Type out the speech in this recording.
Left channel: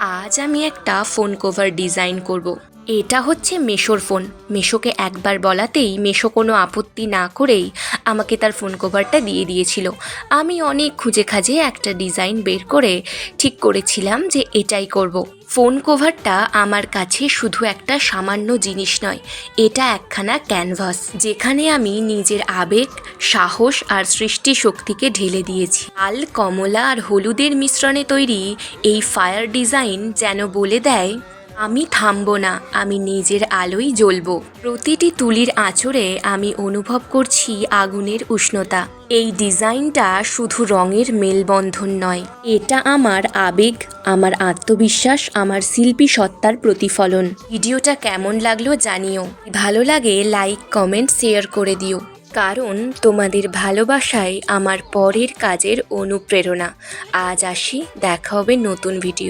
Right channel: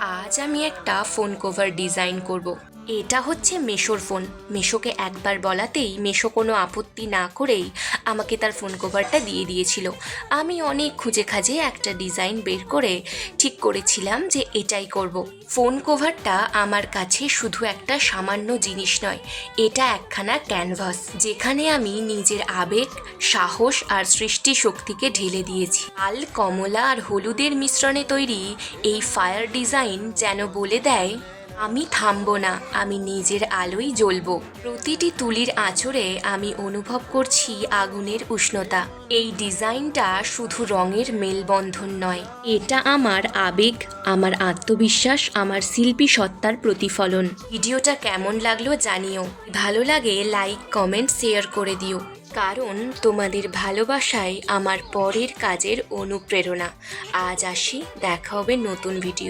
আজ আমি একটা ফোন কভার ডিজাইন করব। এটা হচ্ছে মেশোর ফোন। মেশোকে একবার বলাতেই মেশো কোনো আপত্তি না করেই আমাকে তার ফোন কভারটা দিয়ে দিয়েছিল। আমি অনেক খুঁজে খাজে একটা ডিজাইন বের করে ঠিক করেছিলাম যে এটাই করব। ফোন কভারটা আমার কাছে শুধু একটা সামান্য জিনিস নয়, এটা একখানা ক্যানভাস যেখানে আমি নিজের আবেগ, সাহস আর সৃষ্টি শক্তিকে ঢেলে দিয়েছি। লাল, কমলা আর হলুদের মিশ্রণে তৈরি এই ফায়ার ডিজাইন যেন বলে দেয়, আমি থামবো না, আমি নিজের আলোয় জ্বলবো। প্রতিটি তুলির আঁচড়ে আমি অনুভব করছি আগুনের উষ্ণতা। এই ডিজাইনটা শুধু রঙের মেলবন্ধন নয়, এটা আমার আবেগ, আমার আত্মবিশ্বাস, আমার শিল্পী সত্তার প্রতিফলন। ভিডিওটা কেমন লাগলো জানিও। ভালো লাগে লাইক, কমেন্ট, শেয়ার করে দিও, কারণ তোমাদের ভালোবাসাই আমার পরের কাজের অনুপ্রেরণা। আজ আসি, দেখা হবে নতুন ভিডিও।